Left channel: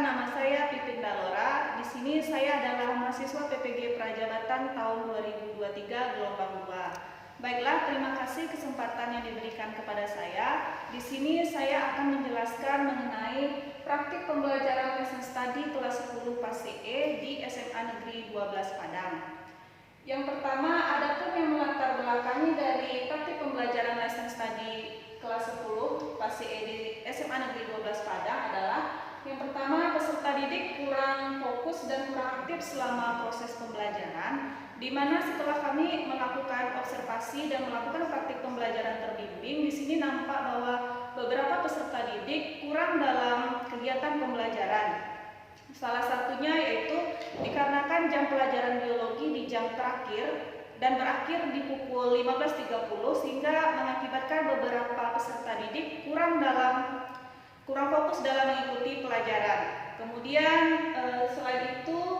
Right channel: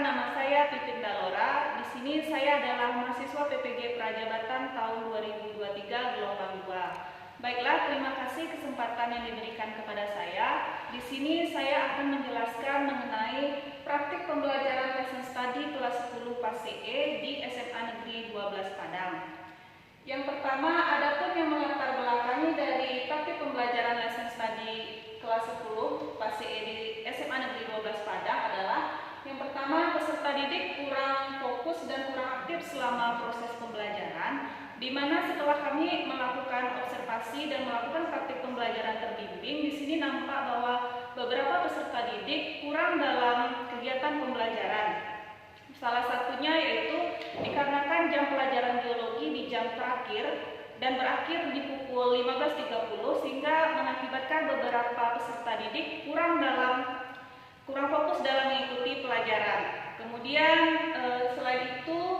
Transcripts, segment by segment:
Perkenalkan, nama saya Pipin Dalora. Di sini saya adalah mahasiswa PPG Prajabatan tahun 2023 gelombang 2. Baiklah, terima kasih kesempatan yang diberikan kepada saya. Di sini saya akan menjelaskan mengenai praktik pembelajaran lesson study kelas 10 PAS CE di SMA Negeri 12 Padang. Yang pertama, adapun yang melatar belakangi dari praktik pembelajaran lesson study kelas 10 PAS CE di SMA Negeri 12 Padang adalah yang pertama, peserta didik kurang fokus dan kurang aktif selama proses pembelajaran, di mana setelah kami melakukan observasi dan melakukan praktik pembelajaran terbimbing, di sini nampak bahwa beberapa peserta didik kurang dalam kegiatan pembelajaran. Salah satunya yaitu dikarenakan jam pelajaran biologi di jam terakhir dan berakhir di pukul 15.30 sehingga mengakibatkan beberapa peserta didik kurang fokus dalam mengikuti pelajaran. Kemudian selain itu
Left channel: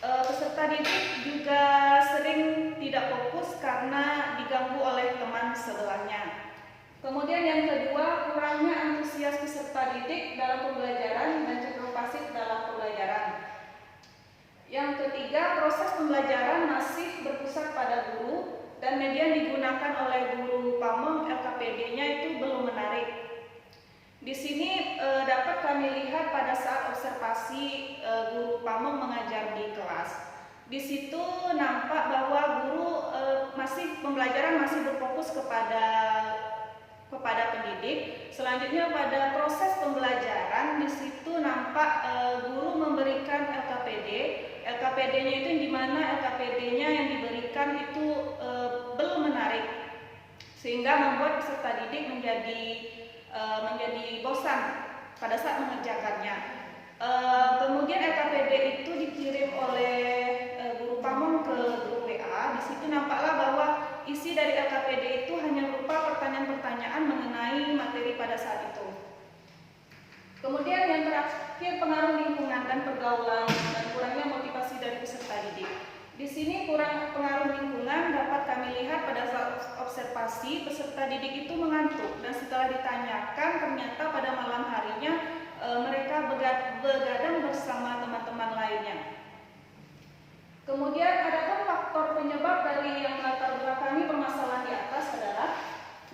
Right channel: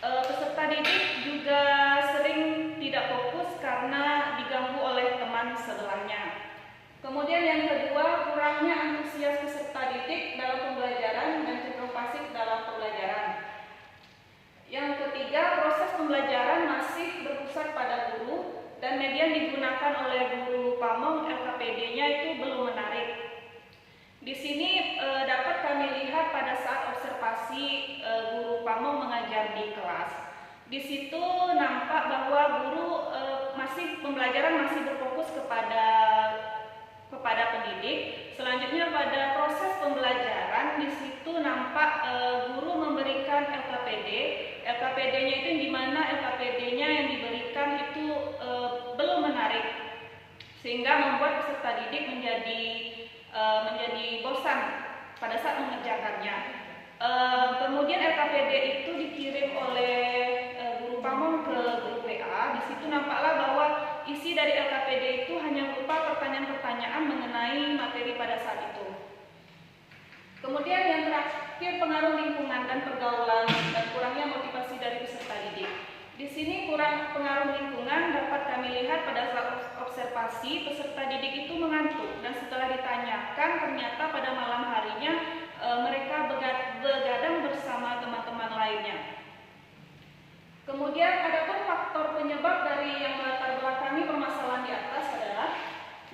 peserta didik juga sering tidak fokus karena diganggu oleh teman sebelahnya. Kemudian yang kedua, kurangnya antusias peserta didik dalam pembelajaran dan cenderung pasif dalam pembelajaran. Yang ketiga, proses pembelajaran masih berpusat pada guru dan media yang digunakan oleh guru pamong LKPD-nya itu belum menarik. Di sini dapat kami lihat pada saat observasi guru pamong mengajar di kelas. Di situ nampak bahwa guru pembelajaran masih berfokus kepada pendidik. Selanjutnya pada proses pembelajaran di situ nampak guru memberikan LKPD. LKPD-nya itu di mana LKPD-nya yang diberikan itu belum menarik, sehingga membuat peserta didik menjadi bosan pada saat mengerjakannya. Kemudian LKPD itu dikirim oleh guru pamong ke grup WA. Di situ nampaklah bahwa isi dari LKPD itu hanya berupa pertanyaan-pertanyaan mengenai materi pada saat itu. Kemudian yang terakhir, pengaruh lingkungan dan pergaulan dan kurangnya motivasi dari peserta didik. Di sini kurang pengaruh lingkungan dapat kami lihat pada saat observasi peserta didik itu mengantuk dan setelah ditanyakan ternyata pada malam harinya mereka begadang bersama teman-teman lainnya. Kemudian adapun faktor penyebab dari yang melatar belakangi permasalahan di atas adalah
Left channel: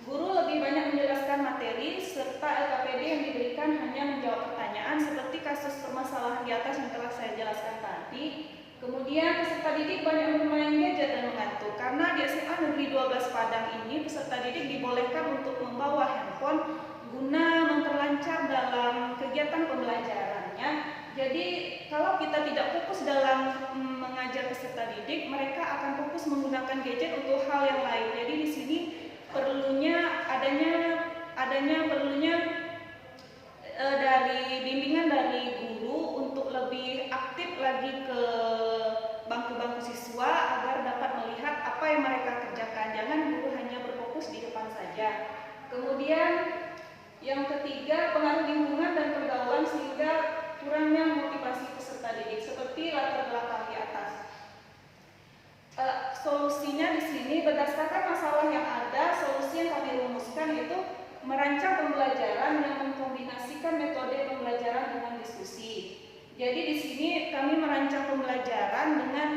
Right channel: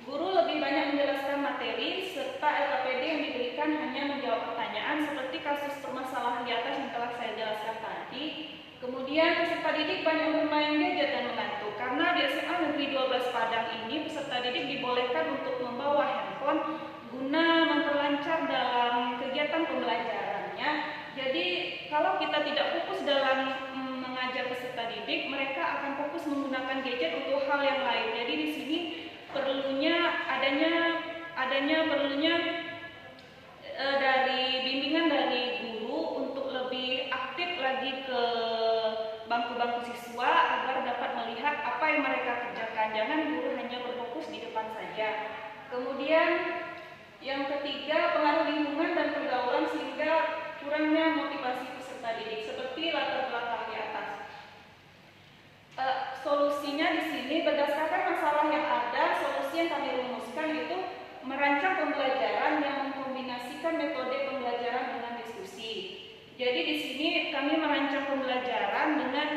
guru lebih banyak menjelaskan materi serta LKPD yang diberikan hanya menjawab pertanyaan seperti kasus permasalahan di atas yang telah saya jelaskan tadi. Kemudian peserta didik banyak bermain gadget dan mengantuk. Karena di SMA Negeri 12 Padang ini peserta didik dibolehkan untuk membawa handphone guna memperlancar dalam kegiatan pembelajarannya. Jadi kalau kita tidak fokus dalam mengajar peserta didik, mereka akan fokus menggunakan gadget untuk hal yang lain. Jadi di sini perlunya dari bimbingan dari guru untuk lebih aktif lagi ke bangku-bangku siswa agar dapat melihat apa yang mereka kerjakan. Jangan guru hanya berfokus di depan saja. Kemudian yang ketiga, pengaruh lingkungan dan pergaulan sehingga kurangnya motivasi peserta didik seperti latar belakang di atas. Solusinya di sini berdasarkan masalah yang ada, solusi yang kami rumuskan itu merancang pembelajaran yang mengkombinasikan metode pembelajaran dengan diskusi. Jadi di sini kami merancang pembelajaran dengan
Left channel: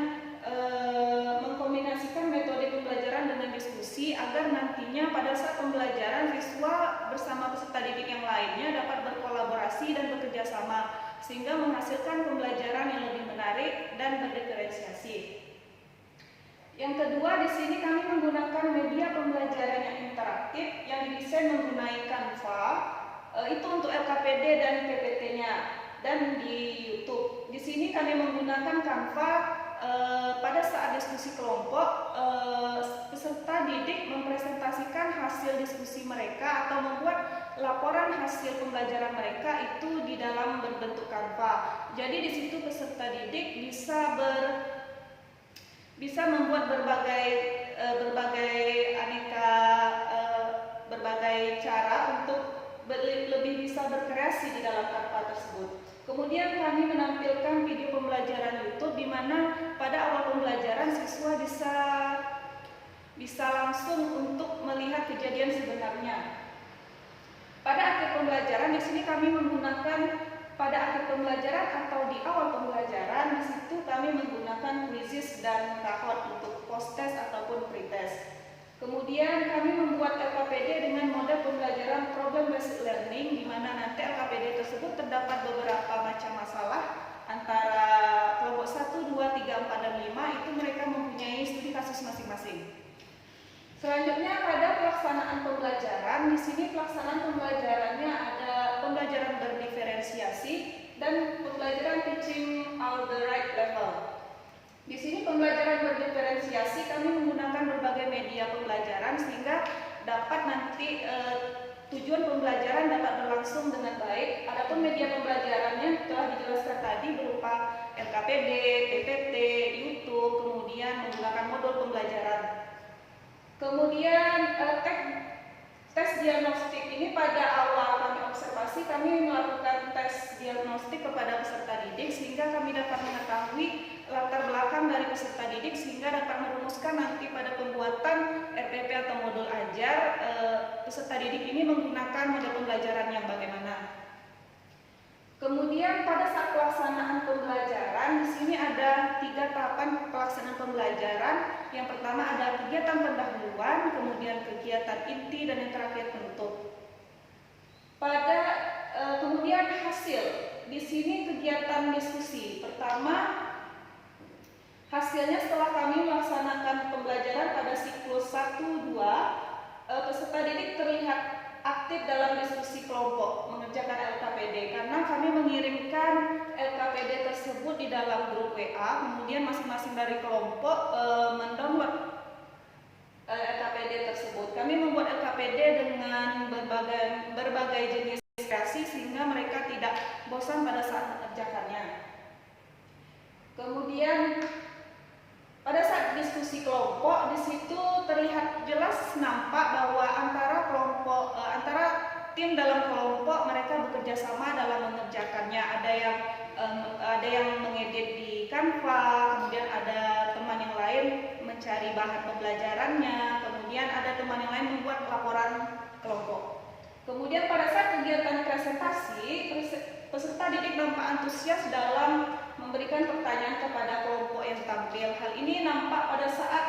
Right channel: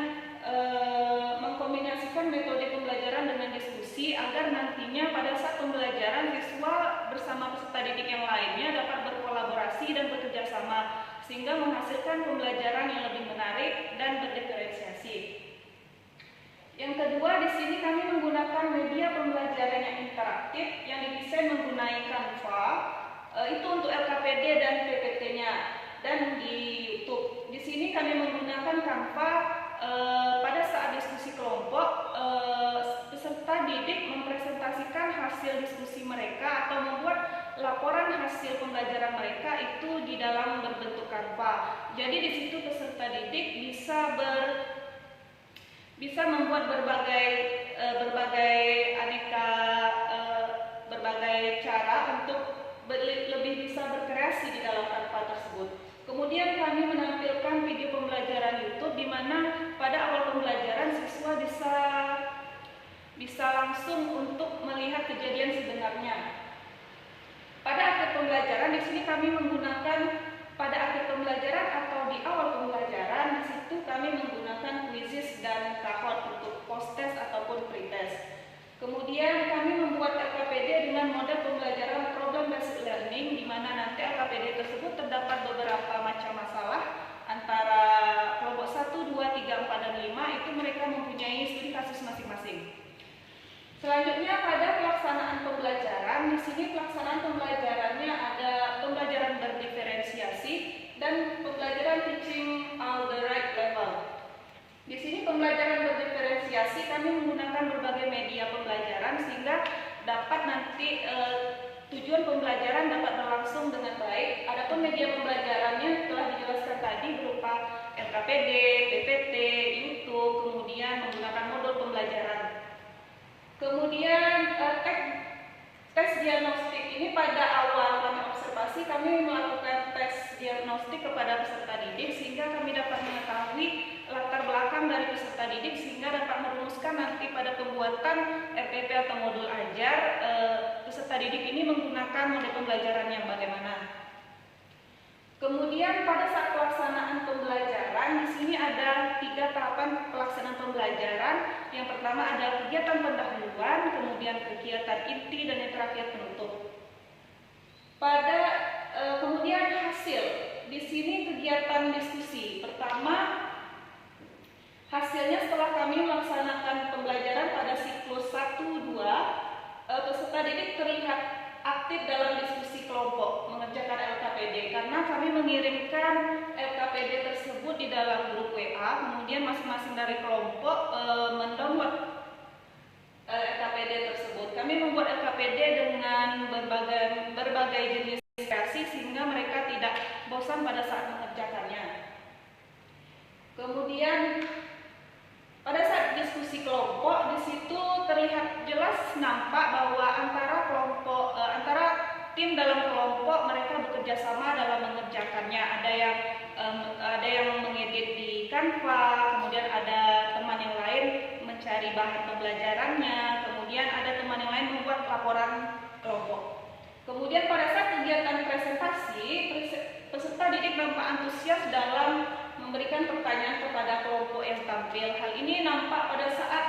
mengkombinasikan metode pembelajaran dengan diskusi agar nantinya pada saat pembelajaran siswa bersama peserta didik yang lainnya dapat berkolaborasi dan bekerja sama sehingga menghasilkan pembelajaran yang lebih menarik dan berdiferensiasi. Yang kedua, di sini kami menggunakan media pembelajaran yang interaktif yang didesain menggunakan Canva, itu untuk LKPD dan PPT-nya, dan di YouTube. Di sini kami menggunakan Canva pada saat diskusi kelompok, peserta didik mempresentasikan hasil diskusi mereka atau membuat laporan hasil pembelajaran mereka itu di dalam berbentuk Canva. Jadi di situ peserta didik bisa membuat berbagai cara untuk lebih bisa berkreasi di dalam Canva tersebut. Kemudian kami menampilkan video pembelajaran YouTube di mana pada awal pembelajaran siswa bisa langsung untuk melihat kejadian sebenarnya. Pada akhir pembelajaran di sini kami menggunakan pada akhir pembelajaran atau di awal pembelajaran, di situ kami menggunakan quizzes dan cohort untuk post-test ataupun pre-test. Kemudian kami membuat LKPD dengan model pembelajaran problem based learning, di mana nanti LKPD tersebut terdapat beberapa macam masalah antara kelompok 1, 2, 3, 4, dan 5 itu mereka mempunyai studi kasus masing-masing. Selanjutnya pada pelaksanaan pembelajaran, di sini pelaksanaan pembelajarannya ada pembelajaran berdiferensiasi dan pembelajaran teaching on the right level. Di sini pembelajaran berdiferensiasi kami menggunakan berbagai media pembelajaran sehingga dapat nanti tujuan pembelajaran dapat berlangsung dengan baik. Adapun media pembelajarannya telah dijelaskan tadi berupa LKPD, PPT, YouTube, kemudian menggunakan modul pembelajaran. Kemudian tes diagnostik ini pada awal kami observasi kami melakukan tes diagnostik kepada peserta didik sehingga kami dapat mengetahui latar belakang dari peserta didik sehingga dapat merumuskan nanti pada pembuatan RPP atau modul ajar peserta didik ini menggunakan model pembelajaran yang bagaimana. Kemudian pada saat pelaksanaan pembelajaran di sini ada 3 tahapan pelaksanaan pembelajaran. Yang pertama ada kegiatan pendahuluan, kemudian kegiatan inti, dan yang terakhir penutup. Kemudian hasil di sini kegiatan diskusi. Pertama, hasilnya setelah kami melaksanakan pembelajaran pada siklus 1-2, peserta didik terlihat aktif dalam diskusi kelompok mengerjakan LKPD karena kami mengirimkan LKPD tersebut di dalam grup WA, kemudian masing-masing dari kelompok mendownload LKPD tersebut. Kami membuat LKPD dengan berbagai jenis diskusi sehingga mereka tidak bosan pada saat mengerjakannya. Kemudian pada saat diskusi kelompok di situ terlihat jelas nampak bahwa antara tim dalam kelompok mereka bekerja sama dalam mengerjakannya. Ada yang mengedit di Canva, kemudian ada teman yang lain mencari bahan pembelajarannya, kemudian ada teman yang lain membuat laporan kelompok. Kemudian pada saat kegiatan presentasi, peserta didik nampak antusias dalam memberikan pertanyaan kepada kelompok yang tampil. Hal ini nampak pada saat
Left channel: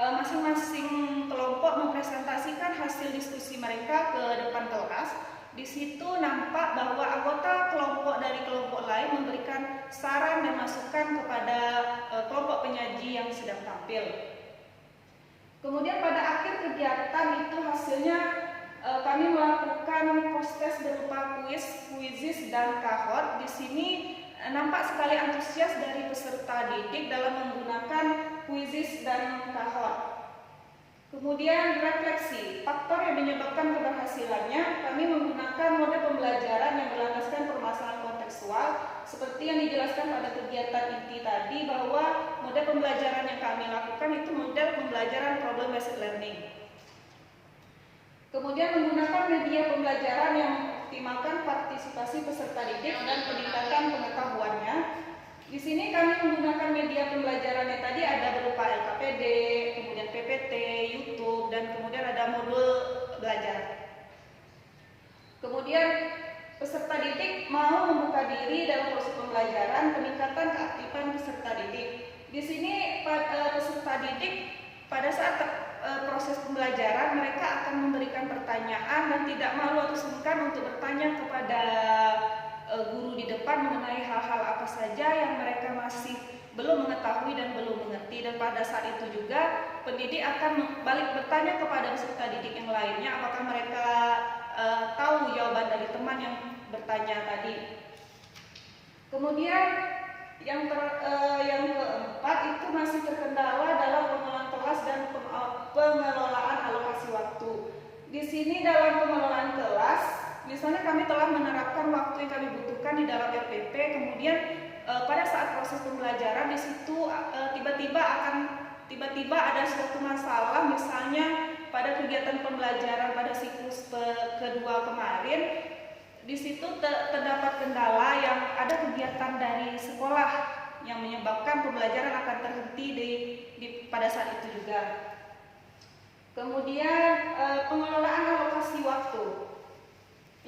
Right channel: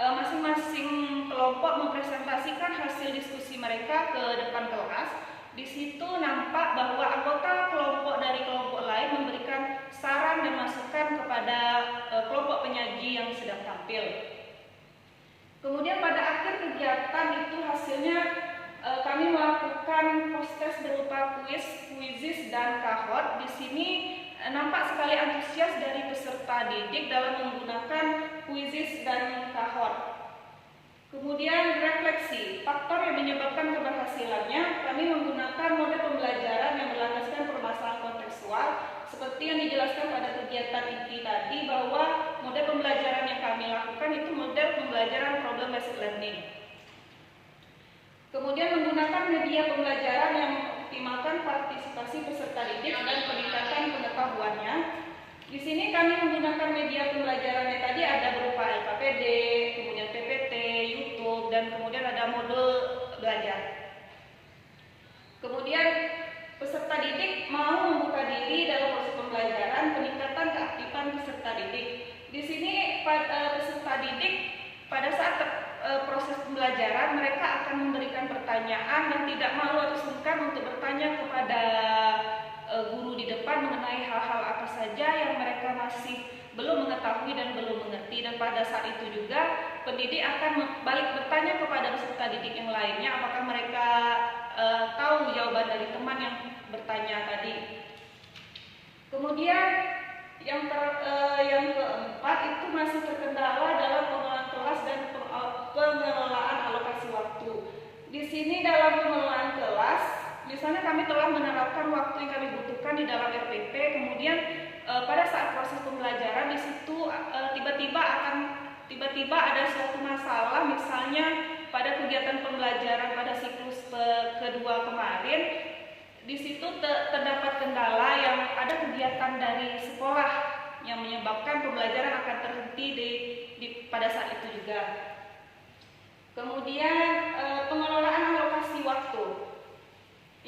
masing-masing kelompok mempresentasikan hasil diskusi mereka ke depan kelas. Di situ nampak bahwa anggota kelompok dari kelompok lain memberikan saran dan masukan kepada kelompok penyaji yang sedang tampil. Kemudian pada akhir kegiatan itu hasilnya kami melakukan post-test berupa quizzes dan cohort. Di sini nampak sekali antusias dari peserta didik dalam menggunakan quizzes dan cohort. Kemudian refleksi, faktor yang menyebabkan keberhasilannya, kami menggunakan model pembelajaran yang berlandaskan permasalahan kontekstual seperti yang dijelaskan pada kegiatan inti tadi, bahwa model pembelajaran yang kami lakukan itu model pembelajaran problem based learning. Kemudian menggunakan media pembelajaran yang mengoptimalkan partisipasi peserta didik dan peningkatan pengetahuannya. Di sini kami menggunakan media pembelajarannya tadi ada berupa LKPD, kemudian PPT, YouTube, dan kemudian ada modul belajar. Kemudian peserta didik mau membuka diri dalam proses pembelajaran, peningkatan keaktifan peserta didik. Di sini peserta didik pada saat proses pembelajaran mereka akan memberikan pertanyaan dan tidak malu atau sungkan untuk bertanya kepada guru di depan mengenai hal-hal apa saja yang mereka masih belum mengetahui dan belum mengerti. Dan pada saat itu juga pendidik akan balik bertanya kepada peserta didik yang lainnya apakah mereka tahu jawaban dari teman yang bertanya tadi. Kemudian yang keempat itu masih terkendala dalam pengelolaan kelas dan pengelolaan alokasi waktu. Di sini dalam pengelolaan kelas, misalnya kami telah menerapkan waktu yang kami butuhkan di dalam RPP, kemudian pada saat proses pembelajaran di situ tiba-tiba ada suatu masalah, misalnya pada kegiatan pembelajaran pada siklus kedua kemarin, di situ terdapat kendala yang ada kegiatan dari sekolah yang menyebabkan pembelajaran akan terhenti pada saat itu juga. Kemudian pengelolaan alokasi waktu.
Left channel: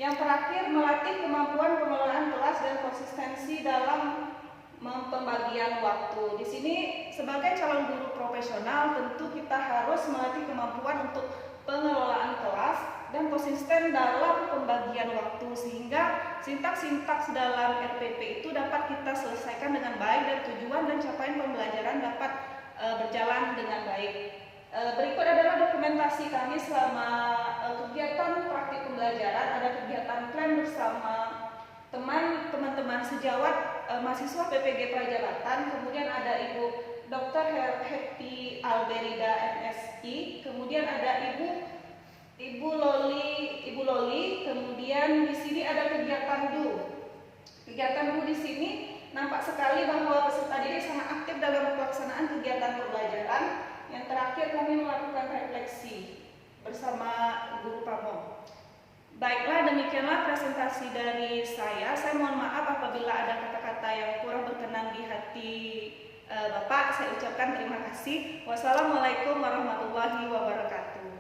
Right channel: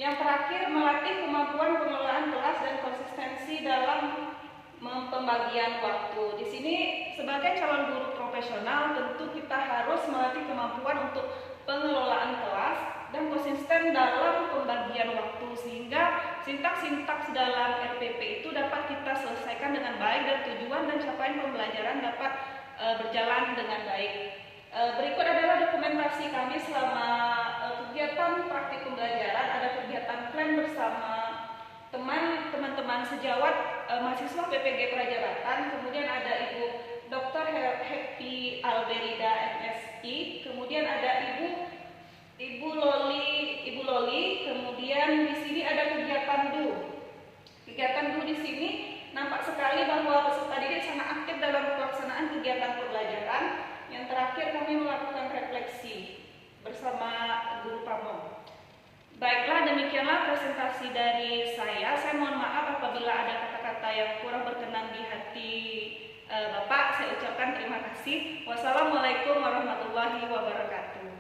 Yang terakhir, melatih kemampuan pengelolaan kelas dan konsistensi dalam pembagian waktu. Di sini sebagai calon guru profesional tentu kita harus melatih kemampuan untuk pengelolaan kelas dan konsisten dalam pembagian waktu sehingga sintaks-sintaks dalam RPP itu dapat kita selesaikan dengan baik dan tujuan dan capaian pembelajaran dapat berjalan dengan baik. Berikut adalah dokumentasi kami selama kegiatan praktik pembelajaran. Ada kegiatan plan bersama teman-teman sejawat mahasiswa PPG Prajabatan, kemudian ada Ibu Dr. Happy Alberida MSI, kemudian ada Ibu Loli, kemudian di sini ada kegiatan DU. Kegiatan DU di sini nampak sekali bahwa peserta didik sangat aktif dalam pelaksanaan kegiatan pembelajaran. Yang terakhir kami melakukan refleksi bersama guru pamong. Baiklah, demikianlah presentasi dari saya. Saya mohon maaf apabila ada kata-kata yang kurang berkenan di hati Bapak. Saya ucapkan terima kasih. Wassalamualaikum warahmatullahi wabarakatuh.